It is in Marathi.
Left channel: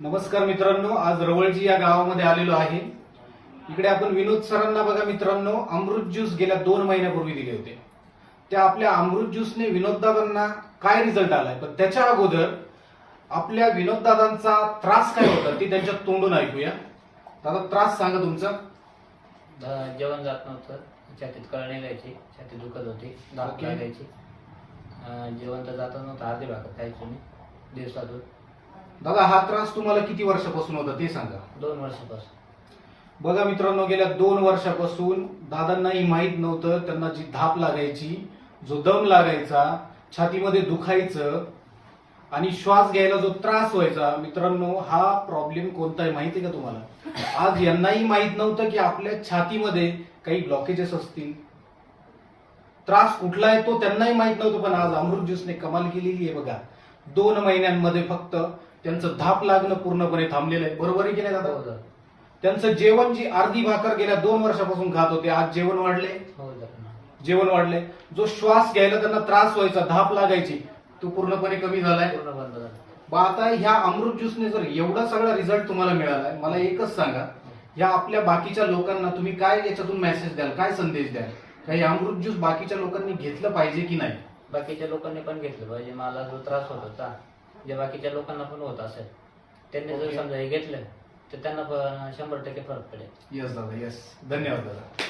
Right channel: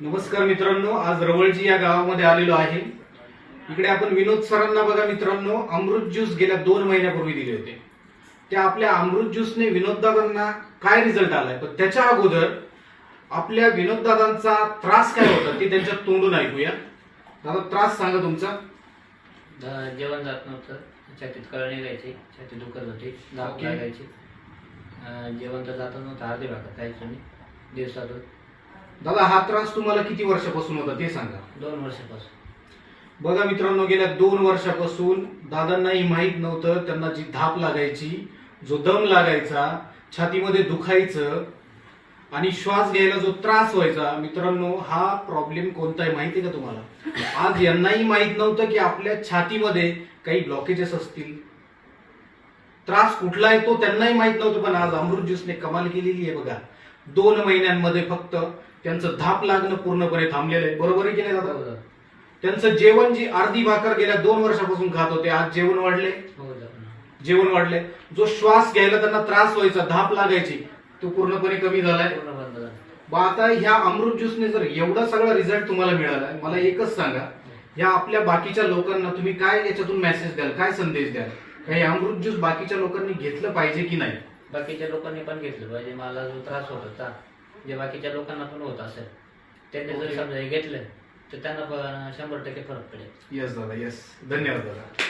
नमस्कार मित्रांनो, आज रवळजी या गावामध्ये आलेलो आहे. इकडे आपण विनोद सरांना बघा मित्रांनो, अमृत ज्यूस गेल्या 2 महिन्यापूर्वी दिले होते. त्या आपल्या अमृत ज्यूसने विनोद दादांना काय रिझल्ट आलाय, पण त्याच्या अगोदर आपल्या विनोद दादांचा त्रास काय होता ते त्यांच्या तोंडून ऐकूया. दादा, त्रास सांगा तुमचा. जेवण जात नव्हतं, छातीत कळ निघायची, छाती दुखत होती, दात लागायची. जेवण तर जात नव्हतं, अर्धी भाकर खायचो मी दिवसातून. दादा, हा त्रास तुम्हाला किती वर्षापासून होता ते सांगा. 2 वर्षापासून. बघा मित्रांनो, गेल्या 2 वर्षापासून दादांनाही माहित नव्हतं. त्यांना जी धाप लागायची, जो दम लागायचा, छातीमध्ये दुखायचं आणि श्वास घ्यायला जो त्रास व्हायचा, मित्रांनो हा प्रॉब्लेम कोणता आहे माहिती का तुम्हाला? आज यांनाही माहित नव्हतं की आपल्या छातीमध्ये काही ब्लॉकेजेस असतील. त्रास कुठला आहे तो त्यांनाही माहित नव्हतं, पण आज अमृत ज्यूसने कमाल केलेली आहे बघा. 2 महिन्यांमध्ये फक्त त्यांचं धाप लागणं पूर्णपणे थांबलेलं आहे. बरोबर आहे की नाही दादा? त्यांचं जेवण, जी अर्धी भाकर गेल्या 2 वर्षापासून खात होते, आज जेवण वाढले. जेवण वाढले. जो श्वास घ्यायला त्यांना त्रास व्हायचा, धाप लागायची, तो पूर्णपणे कमी झालाय. आता ह्या अमृत ज्यूसने जर एवढा सगळा रिझल्ट तुम्हाला मिळालाय, मला एकच सांगा, ह्या आपल्या बाकीच्या लोकांना तुम्ही काय याच्यातून मेसेज द्याल, काय संदेश द्याल? काही अमृत ज्यूस बाकीच्या लोकांनी घेतलं पाहिजे की नाही? बाकीच्या लोकांनी पण घेतलं पाहिजे. मला जो त्रास होत होता, जे बाकीच्या लोकांना पण होत असेल, त्यांनी जर समजा हे घेतलं तर त्यांना 100% फरक पडेल. यस दादा, यस. धन्यवाद दादा.